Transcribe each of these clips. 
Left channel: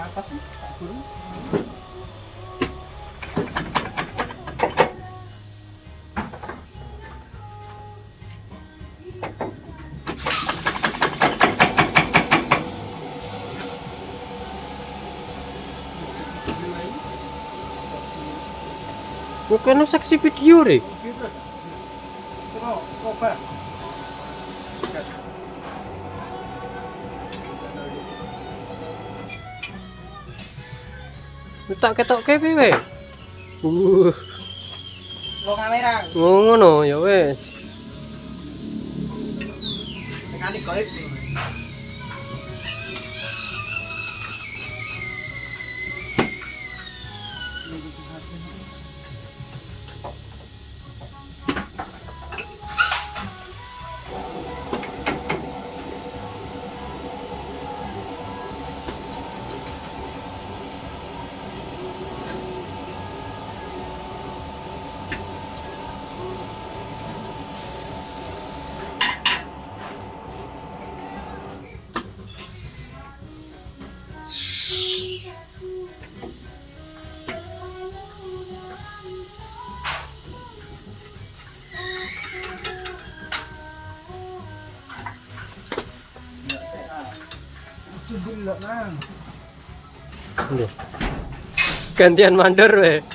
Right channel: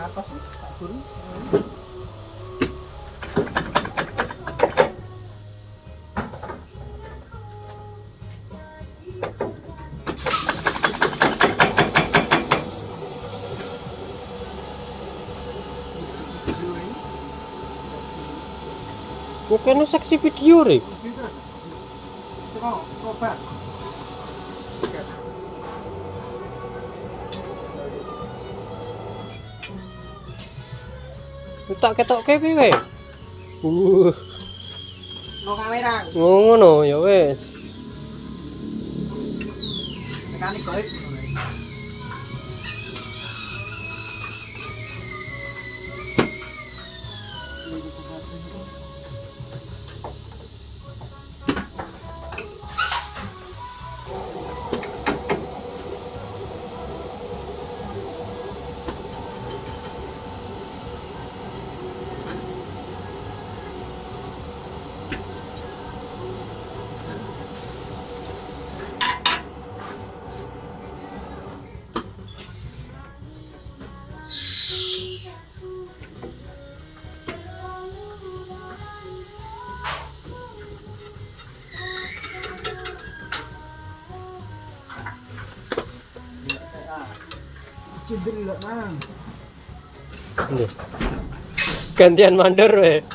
Apa sih? Tak guru. Yo kan saksi video re. Coba. Tak ketok piye? Lo kamera. Ngono ya wis. Mekanik goib. Cibul nang. Gantian mandor we.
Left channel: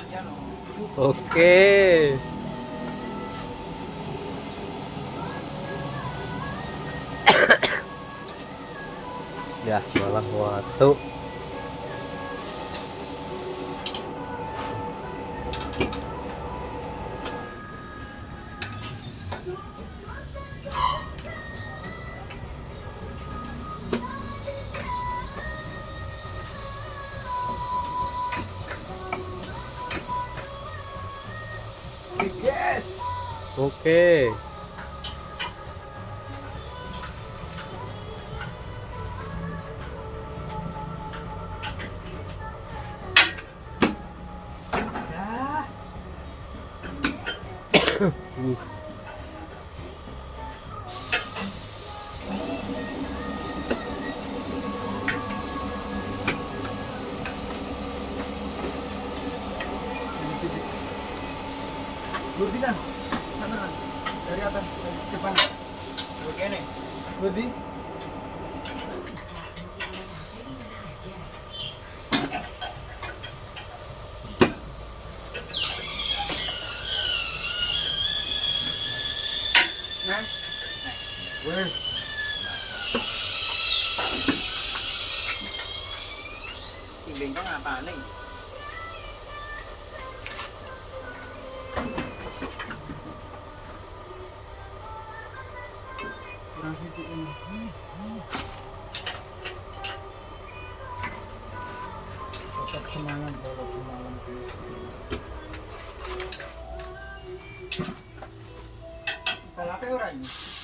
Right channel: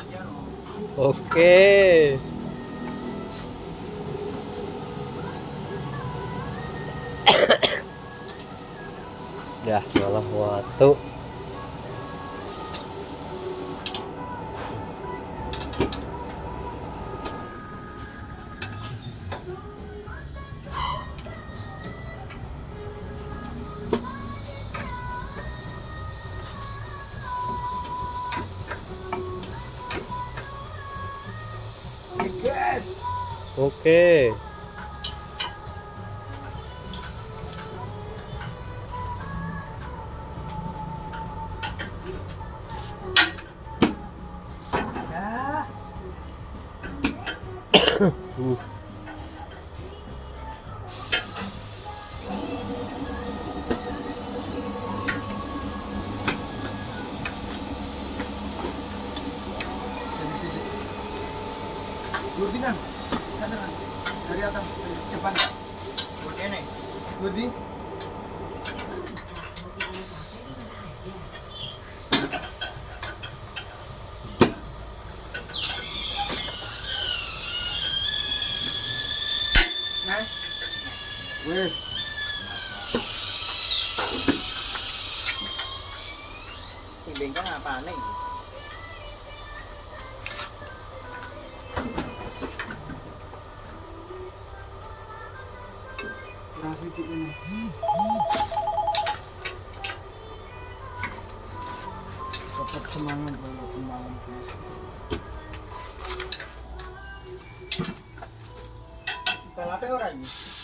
Oke. Ya, malah waktu. Yes. Oke. Ya. Burdi kan? Sana kan? Dari atas, dari depan. Begini. Burdi. Nah. Wes. Timbeng kan apa nih? Nasi itu ini. Tetap semangat walaupun malam terus. Apa orang ini?